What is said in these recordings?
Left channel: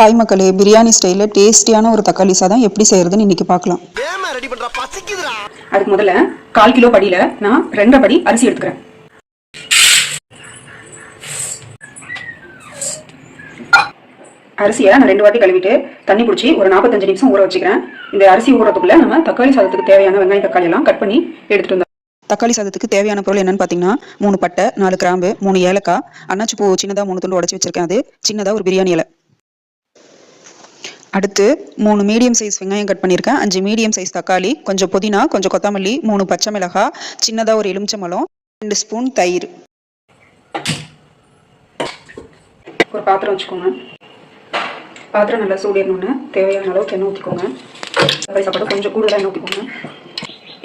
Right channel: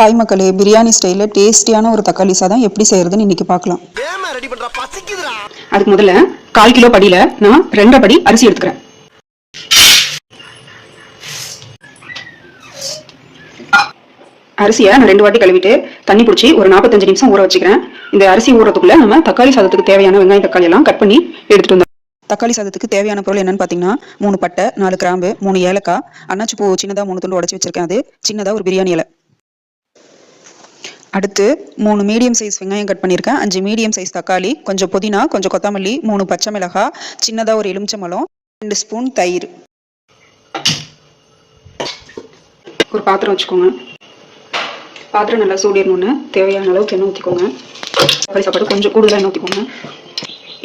Hi மக்களே, பிரியாணி ஸ்டைலில் டேஸ்டியான ஒரு தக்காளி சாதம் எப்படி செய்யறதுன்னு இன்னைக்கு பார்க்கலாம். அதுக்கு முதல்ல 1/4 கிலோ படியில நான் 2 படி அரிசி எடுத்துக்கிறேன். அரிசியை நான் 2 வாட்டி கழுவிட்டு தண்ணி பிடிச்சி ஒரு 45 நிமிஷம் ஊற வச்சுக்கிறேன். இந்த அரிசி ஊறதுக்குள்ள நம்ம தக்காளி சாதத்துக்கு தேவையான வெங்காயம் தக்காளி எல்லாம் கட் பண்ணி எடுத்துட்டு வந்தோம். தக்காளி சாதத்துக்கு தேவையான பொருள் என்னன்னு பார்த்தீங்கன்னா 3 பட்டை, 4 கிராம்பு, 3 ஏலக்காய், அன்னாச்சி பூ சின்னதாக 3 துண்டு உடச்சி வச்சிருக்கேன். அது சின்னதாக ஒரு பிரியாணி இலை. அடுத்து 3 மீடியம் சைஸ் வெங்காயம் கட் பண்ணியிருக்கேன். 5 மீடியம் சைஸ் தக்காளி, கொஞ்சம் புதினா, கொஞ்சம் கொத்தமல்லி, 3 பச்சை மிளகாய், சின்னதாக ஒரு எலுமிச்சம்பழம், 2 ஸ்பூன் தயிர். ஒரு பாத்திரம் வச்சுக்கோங்க. பாத்திரம் நல்லா சூடிடணுன்னு தேவையான அளவுக்கு எண்ணெய் ஊற்றிக்கோங்க. தக்காளி சாப்பாடு கொஞ்சம் கூடுதலாக எண்ணெய் ஊற்றிக்கோங்க.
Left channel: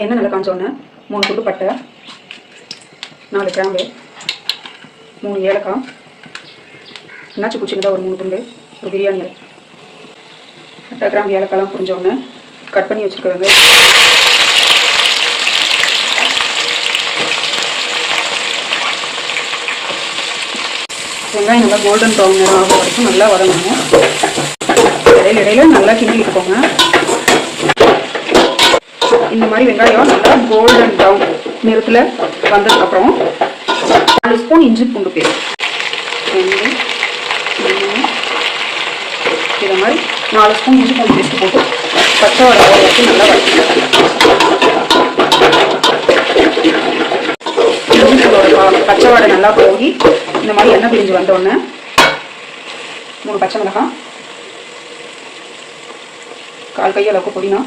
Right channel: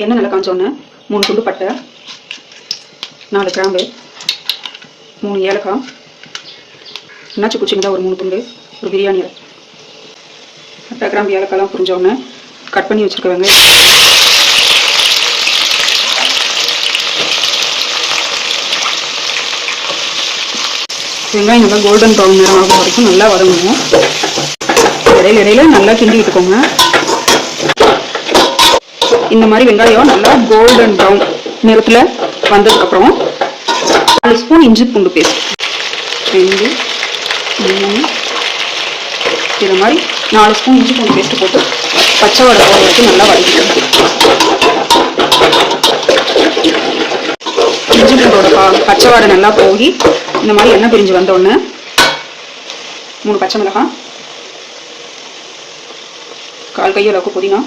எண்ணெய் நல்லா காமிச்சோன்னே 3 துண்டு பட்டை, 4 கிராம்பு, 3 ஏலக்காய், அன்னாச்சி பூ சின்னதாக ஒரு 3 துண்டு, ஒரு பிரியாணி இலை. பட்டை கிராம்பு ஏலக்காய்லாம் புரிஞ்சோடனே கட் பண்ணி வச்சுருக்க வெங்காயம் நல்லா கோல்டன் ப்ரௌன் நேரம் ஆகிற வரைக்கும் நல்லா வதங்கணும். இடையில நல்லா கிண்டி விட்டுக்கோங்க. இந்த மாதிரி வெங்காயம் நல்லா கோல்டன் ப்ரௌன் நிறத்தில் வந்ததுக்கப்புறம் 4 ஸ்பூன் இஞ்சி பூண்டு பேஸ்ட், 2 3 இது மாதிரி 4 ஸ்பூன் இஞ்சி பூண்டு பேஸ்ட் போட்டு பச்சை வாடை வரைக்கும் நல்லா வதக்கணும். இஞ்சி பூண்டோட பச்சை வாடை நல்லா போகி இந்த மாதிரி எண்ணெய் பிரிஞ்சு வந்தோடனே 3 பச்சை மிளகாய், 1/4 கை அளவுக்கு புதினா,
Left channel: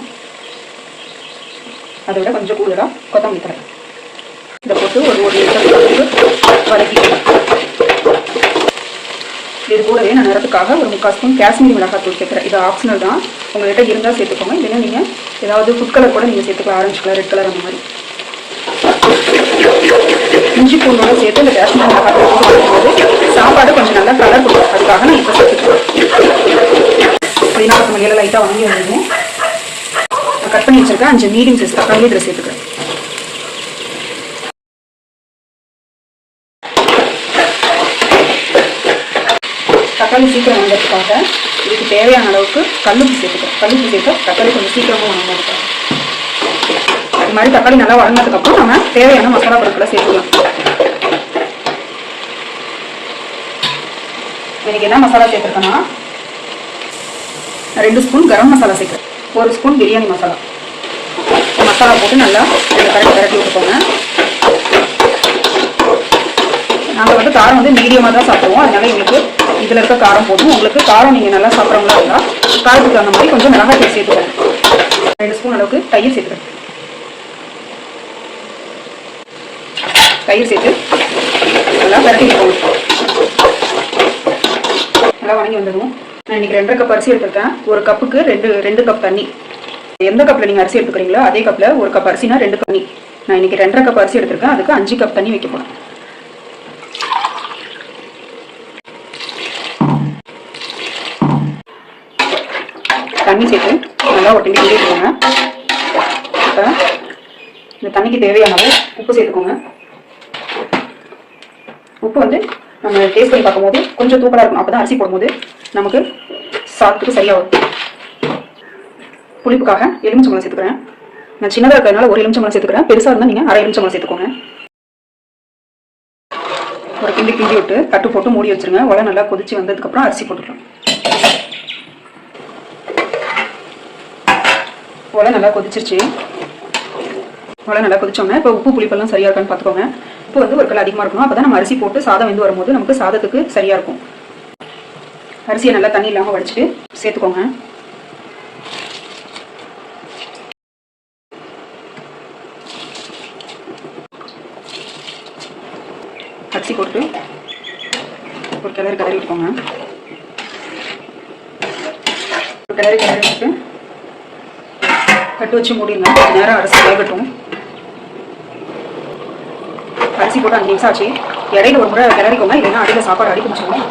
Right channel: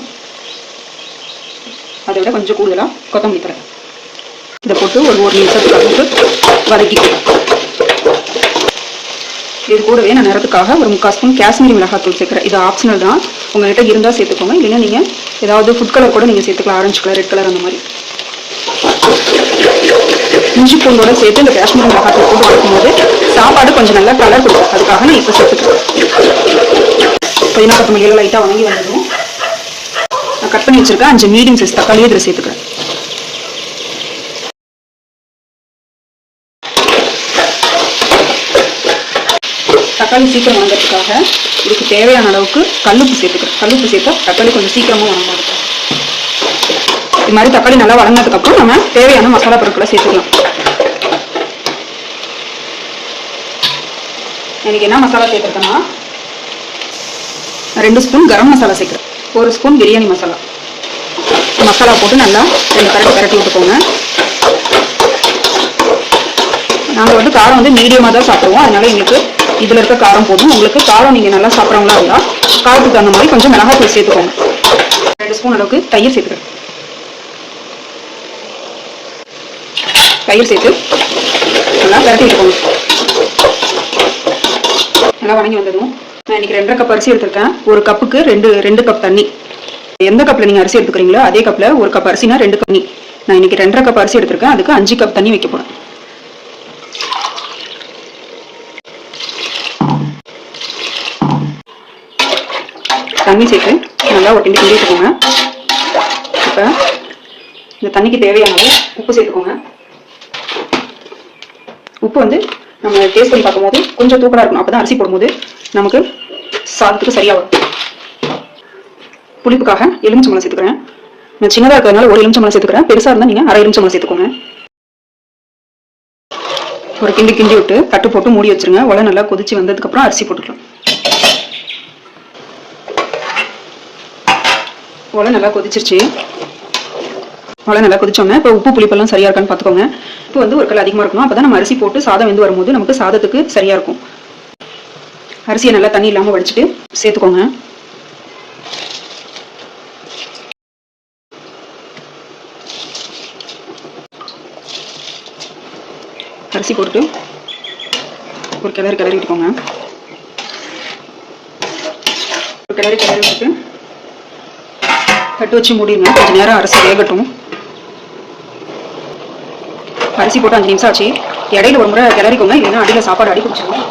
அதை விட கொஞ்சம் கூடுதலாக கொத்தமல்லி தழை இதை போட்டு ஒரு 3 நிமிஷம் போட்டு வதக்கிக்கலாம். இது கூடவே நான் நிறத்துக்காக ஒரு 3/4 ஸ்பூன் காஷ்மீரி மிளகாய் தூள் சேர்க்குறேன். இது ஆப்ஷனல் தான், உங்கள்கிட்ட இருந்தால் சேர்த்துக்கோங்க. இல்லைன்னா நீங்கள் ஏதாவது ஃபுட் கலர் கூட நீங்கள் சேர்த்துக்கலாம். ஆரஞ்சு கலர், ரெட் கலர் அந்த மாதிரி. இஞ்சி பூண்டோட சேர்த்து இந்த காஷ்மீரி மிளகாய் தூள் போட்டு வைக்கும்போது சாப்பாடு கொஞ்சம் நல்லா கலர் கொடுக்கும். அதுக்காக நான் இப்போ சேர்த்துக்கிறேன். 14 மணியில் லைட்டாக வாங்கி வந்ததும் நான் கட் பண்ணி வச்சிருக்கேன் 5 மீடியம் சைஸ் தக்காளி இதில் சேர்த்துக்கிறேன். தக்காளி சீக்கிரம் வாங்கிறதுக்காக இதுக்கு தேவையான அளவுக்கு கல்லுப்பு சேர்த்துக்கிறேன். கல்லுப்பு சேர்த்தா தக்காளி கொஞ்சம் சீக்கிரமாக வாங்க இருக்கும். இது மாதிரி தக்காளி நல்லா வளர்ந்ததுக்கப்புறம் நம்ம தேவையான மசாலா பொருட்களை சேர்த்துக்கலாம். எனக்கு என்ன மசாலா சேர்த்துருக்கேன்னா 2 ஸ்பூன் கரம் மசாலா சேர்க்குறேன், 1 ஸ்பூன் பிரியாணி மசாலா. மசாலா போட்டு நல்லா 2 கரட்டி விட்டுக்கோங்க. நாங்கள் காரம் மீடியமாக தான் சாப்பிடுவோம். அதனால எங்களுக்கு இதில் இருக்க காரம் போதும். உங்களுக்கு காரம் நீங்கள் நல்லா சாப்பிட்றவங்களா இருந்தால் காரத்துக்கு தகுந்த மாதிரி கொஞ்சம் மிளகாய் தூள் சேர்த்துக்கோங்க. 2 ஸ்பூன் அளவுக்கு தயிர் சேர்த்துக்கிறேன். தயிர் சேர்த்து நல்லா விரட்டி விட்டுக்கோங்க. நல்லா வணங்கி வந்ததும் நான் இன்னைக்கு 2.5 கப் அரிசி எடுத்திருக்கேன். 1 கப்புக்கு 2 கப் தண்ணி. எந்த கப்பில் நீங்கள் அரிசி எடுத்துக்கிறீங்களோ அதே கப்பில் 1 கப் அரிசினா 2 கப் தண்ணி. நான் இன்னைக்கு 2.5 கப் அரிசி எடுத்திருக்கேன். அதுக்கு 5 கப் தண்ணி வைக்க போகிறேன். தண்ணி சேர்த்து நல்லா ஒரு கிண்டி வச்சுக்கோங்க. இப்போ இந்த தண்ணிக்கு தேவையான உப்பு சேர்த்துக்கோங்க. உப்பு நம்ம டேஸ்ட் பண்ணி பார்க்கும்போது கொஞ்சம் தூக்கலாக இருக்கணும். அப்போ தான் அரிசி போடும்போது நமக்கு சாதத்துக்கு சரியாக வரும். புளிப்புக்காக எலுமிச்சம்பழம் சேர்த்துக்கிறேன். நான் சின்னதாக இருக்கிறதுனால 1 எலுமிச்சம்பழம் சேர்த்துக்கிறேன். பெருசாக இருந்தால் நீங்கள் 1/2 எலுமிச்சம்பழம் சேர்த்துக்கோங்க. ஒரு கிண்டி விட்டு தட்டு போட்டு மூடி வச்சிருங்க. உலை நல்லா கொதிச்சு வந்ததுக்கப்புறம் அரிசி போட்டுக்கலாம். உலை நல்லா கொதிச்சிருச்சு. உலை நல்லா கொதிச்சோன்னே இப்போ உப்பு புளிப்பெல்லாம் சரியா இருக்கான்னு பார்த்துக்கோங்க. இப்போ 1 கல் அதிகமாக இருக்கணும். அப்போ தான் நம்ம அரிசி போட்டு சாதம் வெந்து வரும்போது நமக்கு சாதத்துக்கு சரியா இருக்கும். அரிசியை நல்லா தண்ணி இல்லாமல் வடிச்சிட்டு சேர்த்துக்கோங்க. அரிசி போட்டு ஒரு கிளறி விட்டுக்கோங்க. ஒரு கிளறி விட்டு கட்டு வச்சு மூடிடுங்க. கொஞ்சம் நேரம் அரிசி வேகட்டும். அரிசி போட்டு 5 நிமிஷம் ஆச்சு. இடையில 1 முறை கிளறிக்கோங்க, இல்லைன்னா அடியில் சாப்பாடு அடி பிடிச்சிடும்.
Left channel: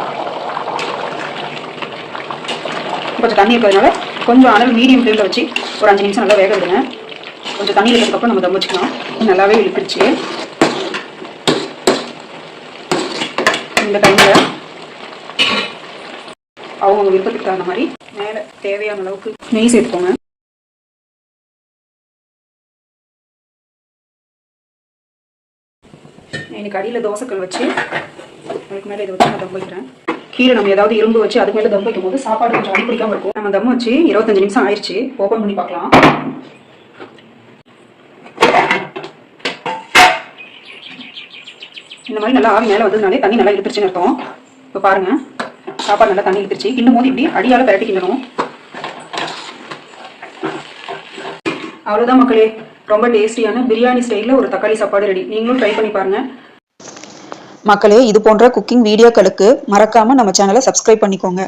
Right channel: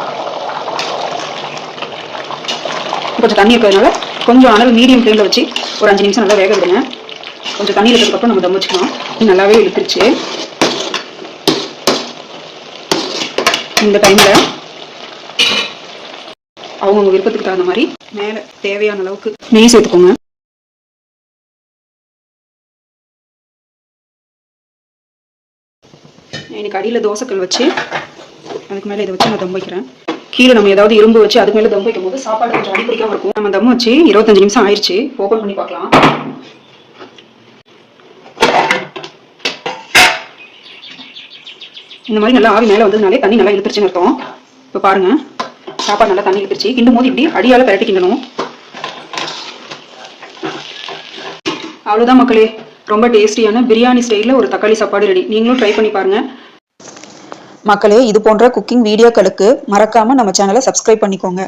கொஞ்சம் தண்ணி இருக்கிறதுனால கொஞ்சம் அனல் மீடியம் ஃப்ளேமில் வச்சு ஒரு 5 நிமிஷம் நல்லா வேக விடுங்க. கொஞ்சம் தண்ணி இருக்கிறதுக்கப்புறம் நம்ம தம் வச்சுக்கலாம். நல்லாவே இழுத்துருச்சு. இந்த டைமில் அவங்க அவங்கவுங்க விருப்பத்துக்கு தகுந்த மாதிரி மேலே தேவையான அளவுக்கு நெய் சேர்த்துக்கோங்க. எனக்கு அடியில் தோசைக்கல் வச்சு அதுக்கு மேலே இதை வச்சு நான் தம் வைக்கிறேன். கீழே நம்ம ஏதாவது இரும்பு வச்சு அது மேலே தம் வைக்கும் போது சாப்பாடு கொஞ்சம் அடி பிடிக்காம இருக்கும். நம்ம தம் வச்சு 25 நிமிஷம் ஆயிடுச்சு. ஓப்பன் பண்ணி பார்க்கலாம். இந்த மாதிரி நல்லா ஆவி மேலே வந்ததுனாலே தண்ணி நல்லா இழுத்துருச்சுன்னு அர்த்தம். இப்போ பாருங்க, சாப்பாடு நல்லா தண்ணி இழுத்துருச்சு. கிண்டும் போது இப்படி அடியால் பரட்டி கிண்டணும். அவ்வளோதான் மக்களே, ரொம்ப டேஸ்டியான பிரியாணி ஸ்டைலில் ஒரு தக்காளி சாப்பாடு ரெடி. நீங்களும் ட்ரை பண்ணி பாருங்க மக்களே. இது போன்ற குக்கிங் வீடியோக்களுக்கு மறக்காம நம்ம சேனலை சப்ஸ்கிரைப் பண்ணிக்கோங்க.